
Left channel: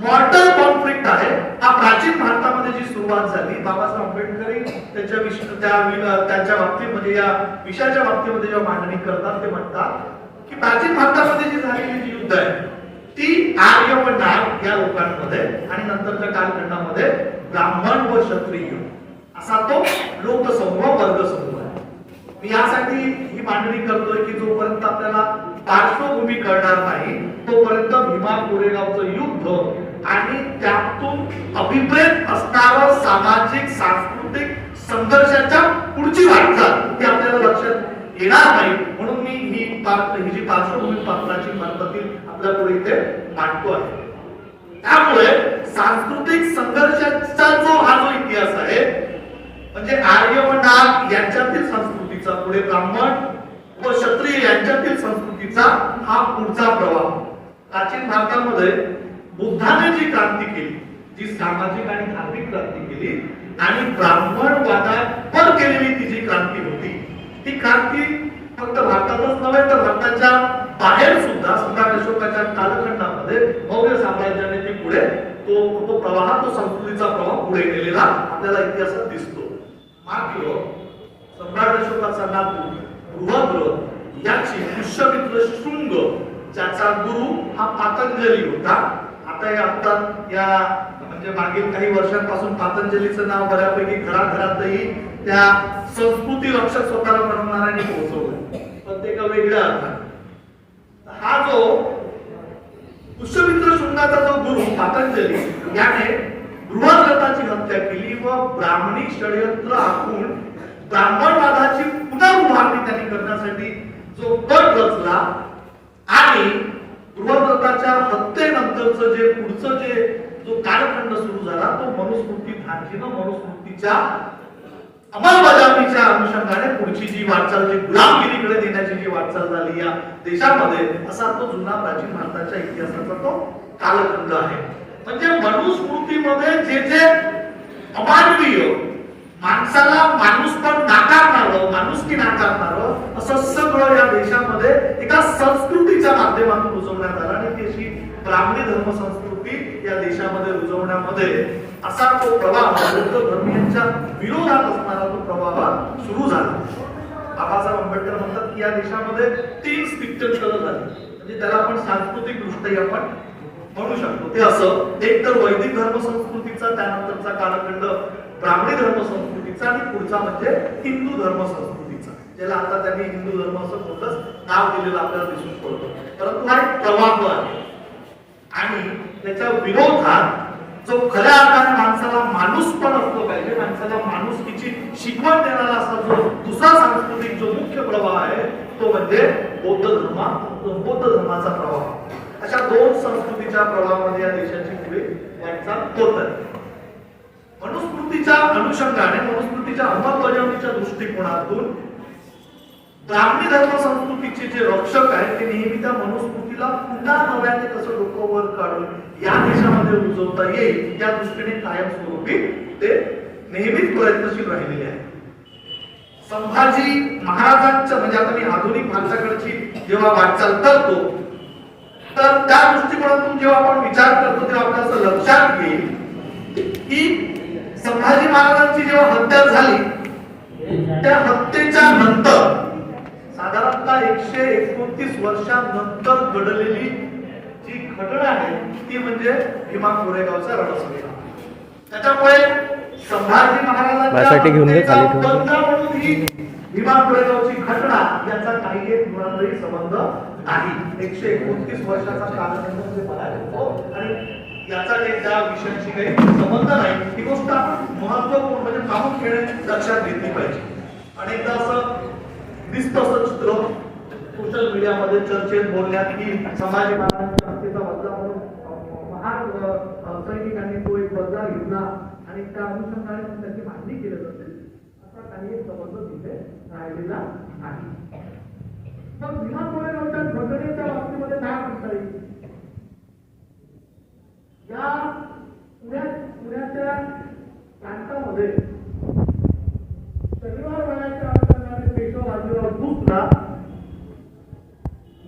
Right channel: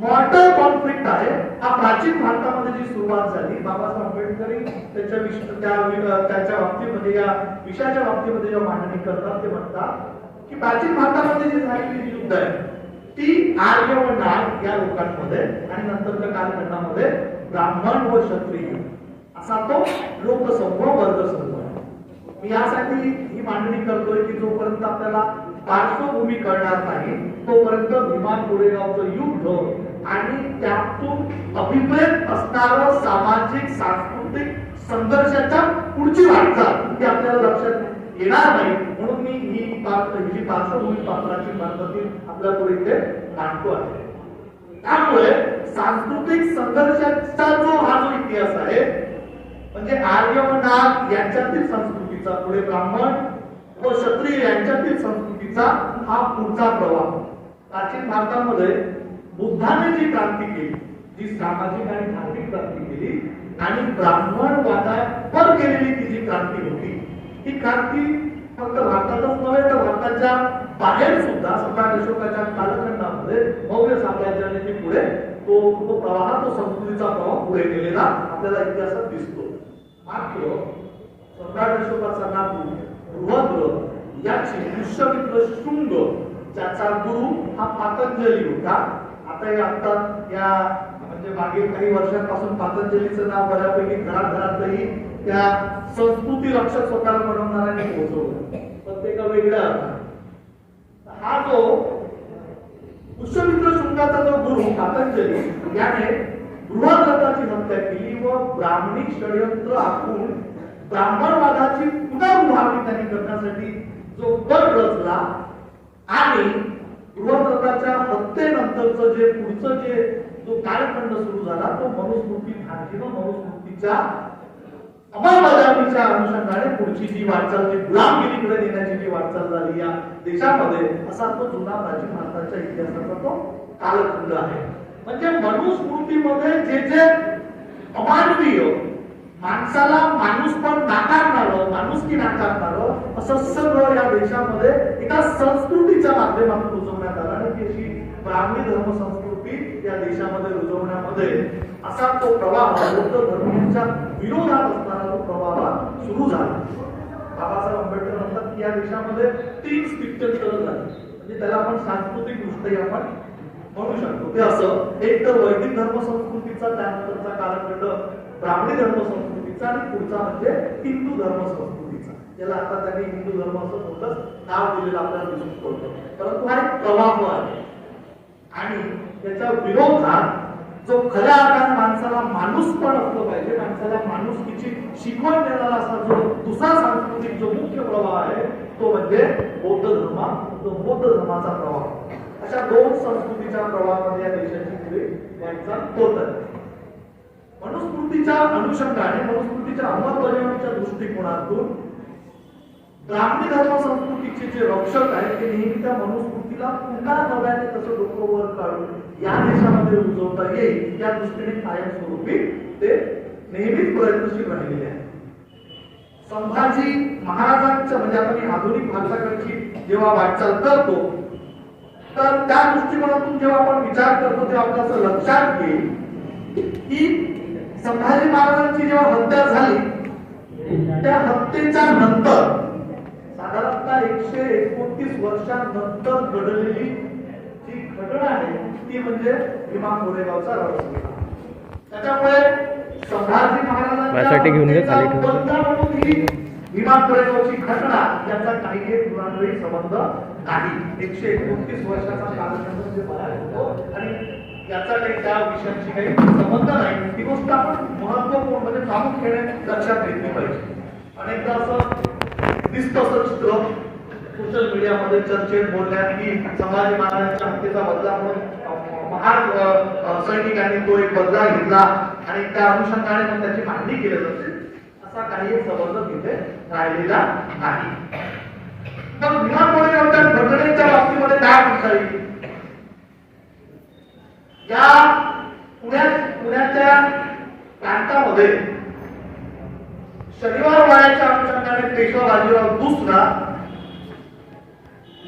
मॉर्टल कॉन्फ्लिक्ट आहे हा प्राचीन भारतामध्ये जी सुरुवात झाली बाबासाहेब आंबेडकर त्यांच्या बाबतीमध्ये या विषयाच्या बाबतीमध्ये जेव्हा मांडणी करतात ते म्हणतात की प्राचीन भारतामध्ये जी झालेली जी युद्ध आहे ती आर्य व नाग या लोकांमध्ये आणि नंतरच्या कालखंडामध्ये ब्राह्मण व क्षत्रिय असा तो लोकसमूह वर्गसमूह आहे. मी यासाठी ही मांडणी करतोय की जोपर्यंत आपल्याला पार्श्वभूमी कळणार नाही तोपर्यंत भीमा कोरेगावचं युद्ध आणि त्यातून अभिप्रेत असणारं सामाजिक सांस्कृतिक संघर्षाच्या पुढची वाटचाल ती आपल्याला लक्षात येणार नाही. म्हणून मी ही जी पार्श्वभूमी पात्राची पद्धती आपल्या पुढे इथे मांडतो आहे. त्यामुळे सांस्कृतिक संघर्षाचा जो हा जो इतिहास आहे म्हणजे आर्य व नाग यांच्यातील संस्कृतीचा पुढे ब्राह्मण व क्षत्रिय यांच्यातील संस्कृतीचा हा पुढचा प्रवाह. प्राचीन भारतामध्ये बुद्धाने जी क्रांती केली जी सामाजिक आणि धार्मिक क्रांती केली आणि ब्राह्मणवादावर केलेली ती जी क्रांती होती ती क्रांती फक्त भारतातच नव्हे तर भारताच्या बाहेर सुद्धा सम्राट अशोकाच्या कालखंडामध्ये मौर्य साम्राज्याने ती पुढे तो प्रवाह तो संस्कृतीचा प्रवाह पुढे गेलेला आपल्याला इतिहासात दिसतो. मात्र सम्राट अशोकाचा नातू बृहद्रथ याची पुष्यमित्र शृंग ज्याचा गुरु हा पातंजली होता. आता या म्हणजे मागील काही वर्षांपासून पातंजलीचं नाव बऱ्यापैकी घराघरातही त्या संस्कृती रक्षक स्वतःला बनवणाऱ्यांनी पोहोचवलं प्रत्येका वेगळ्या अर्थाने. हा जो पुष्यमित्र शृंगाचा जो गुरु पातंजली याने बृहद्रथाची हत्या केली व ब्राह्मणी षडयंत्र आखून ब्राह्मणवादाची पुनरुभारणी त्यांनी करण्यासाठी जो गट रचला आणि बृहद्रथाच्या हत्येनंतरचं जे पुढचं जो कालखंड सुरू झाला तो मनुस्मृती धार्जिनं मनुस्मृतीच्या अंमलबजावणीच्या अनुषंगाने पुढची जी वाटचाल जी गुलामगिरीकडे देण्याची जी वाटचाल झाली या देशामध्ये असा तो जुना प्राचीन भारताच्या इतिहासाचा तो कालखंड आहे. म्हणजे मनुस्मृतीमध्ये जे जे अमानवीय माणसाला माणूस पण नाकारणारं, माणुसकी नाकारणारं असं सगळं या देशामध्ये एका संस्कृतीच्या माध्यमातून रुजवण्यात आलं आणि ती अशी ब्राह्मणी धर्म संस्कृती या देशामध्ये रुजवण्यामध्ये असा तो प्रवाह बौद्ध धर्मीयांच्या विरोधात असणारा तो प्रवाह सुरू झाला. बाबासाहेब आंबेडकर म्हणतात की या देशामध्ये 3 स्थित्यंतर झाली, म्हणजे त्याला आपण सांस्कृतिक दृष्ट्या आपण म्हणू शकतो. ते असं, एक तर वैदिक धर्म संस्कृतीचा, त्यानंतरचा कालखंड ब्राह्मणी धर्म संस्कृतीचा आणि पुढचा म्हणजे हिंदू धर्म संस्कृतीचा, ज्याला आता त्यांनी हिंदू धर्म असं मोठंच नाव दिलेलं आपल्याला दिसून पडतं. परंतु हा एक प्रवाह आहे आणि त्याच्या विरोधात जो खऱ्या अर्थाने माणसाला माणूस पण असलो पाहिजे, माणसाला माणुसकीची शिकवण देणारा असा जो दुसरा सांस्कृतिक जो मुख्य प्रवाह आहे तो म्हणजे बौद्ध धर्माचा प्रवाह. अशा 2 संस्कृतीच्या प्रवाहामध्ये या देशाची पुढे वाटचाल होत आहे. मनुस्मृतीच्या अनुषंगाने, मनुस्मृतीच्या अंमलबजावणीच्या दृष्टिकोनातून ब्राह्मणी धर्म संस्कृतीचे जे रक्षक आहेत ते नेहमी त्या मनुस्मृतीला पुन्हा नव्याने कसं डोकं वर काढून या देशामध्ये रुजवता येईल या दृष्टीने कायमस्वरूपी ते नेहमीच प्रयत्नशील राहिलेले आहेत. संभाजी महाराजांच्या, म्हणजे आता मी आधुनिक भारताकडची जेव्हा वाटचाल करतो तर त्या दृष्टिकोनातून जेव्हा आपण विचार करतो तेव्हा आपल्याला असं लक्षात येईल की संभाजी महाराजांची जेव्हा हत्या झाली त्या हत्येच्या नंतर साधारणतः 129 वर्षांनंतर घडलेली जी घटना आहे ती म्हणजे भीमा कोरेगावचा रणसंग्राम. त्याच्यामुळे संभाजी महाराजांच्या हत्येचा बंध म्हणून ही भीमा कोरेगावची घटना याचा काही एक मुळातही संबंध नाही. 129 वर्षाचा कालखंड म्हणजे बराच होतो आणि याचा काही त्या विषयाशी काही संबंध नाही. ही गोष्ट आपण महत्वपूर्ण म्हणजे प्रामुख्याने लक्षात घेतली पाहिजे. अनेकदा असं दिसतं असं चित्र सोशल मीडियामध्ये चर्चेत बोलण्यात की संभाजी महाराजांच्या हत्येचा बदला म्हणून महान सैनिकांनी तो एक बदला घेतला आणि त्या अनुषंगाने मग त्याची मांडणी केली जाते. असा काही एक संबंध तिथे राहिलेला नाही. तर भीमा कोरेगावच्या घटनेच्या बाबतीमध्ये काय म्हणता येईल? या पुण्याच्या प्रांतामध्ये शनिवार वाड्याच्या अनुषंगाने पेशवा बाजीराव दुसरा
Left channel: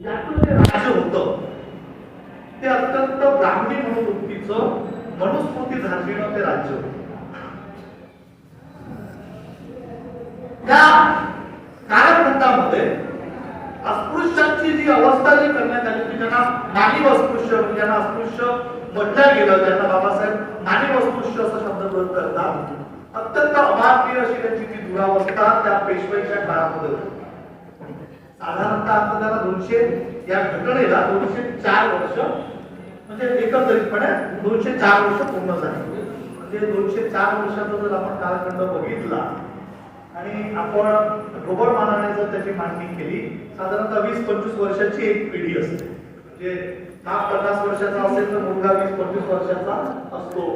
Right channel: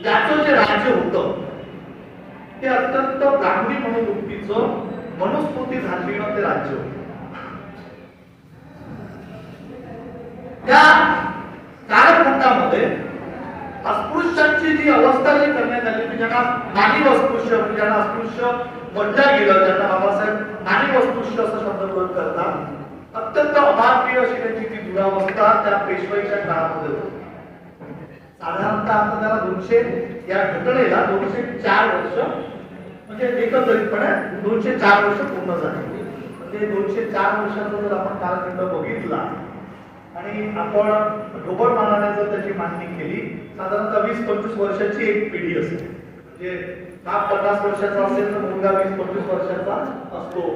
याचं जे राज्य होतं ते अत्यंत ब्राह्मणी मनोवृत्तीचं मनुस्मृती धार्जिणं ते राज्य होतं. त्या कालखंडामध्ये अस्पृश्यांची जी अवस्था जी करण्यात आली की ज्यांना मानवी अस्पृश्य म्हणजे ज्यांना अस्पृश्य म्हटलं गेलं, त्यांना बाबासाहेब मानवी अस्पृश्य असा शब्द प्रयोग करतात. अत्यंत अमानवीय अशी त्यांची ती दुरावस्था त्या पेशवाईच्या काळामध्ये होती. साधारणतः आता जरा 200 या घटनेला 204 वर्ष म्हणजे एकत्रितपणे 204 वर्ष पूर्ण झाली. म्हणजे 204 वर्षाचा जर आपण कालखंड बघितला आणि आपण ढोबळ मानाने जर त्याची मांडणी केली साधारणतः 20-25 वर्षाची एक पिढी असते. म्हणजे हा 50 वर्षाचा असेल तर मुलगा 20-25 वर्षाचा असतो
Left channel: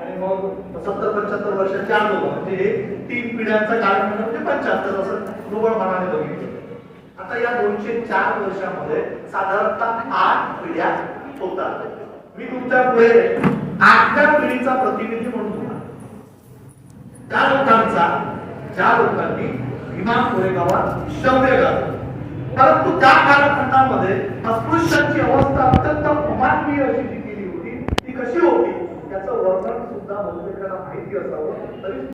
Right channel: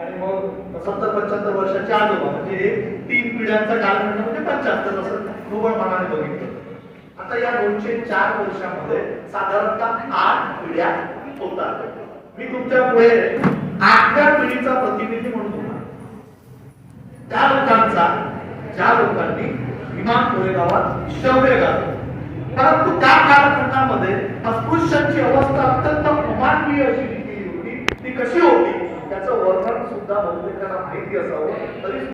आणि मग 70-75 वर्षाच्या आजोबा म्हणजे हे 3 पिढ्यांचा कालखंड म्हणजे 75 असं ढोबळ मानाने बघितलं. आता या 204 वर्षामध्ये साधारणतः 8 पिढ्या होतात. मी तुमच्या पुढे 8व्या पिढीचा प्रतिनिधी म्हणून ज्या लोकांनी भीमा कोरेगावात शौर्य गाजवलं. परंतु त्या कालखंडामध्ये अस्पृश्यांची अवस्था अत्यंत अमानवीय अशी केली होती. ती कशी होती त्याचं वर्णन सुद्धा बहुतेकांना माहिती असावं तरी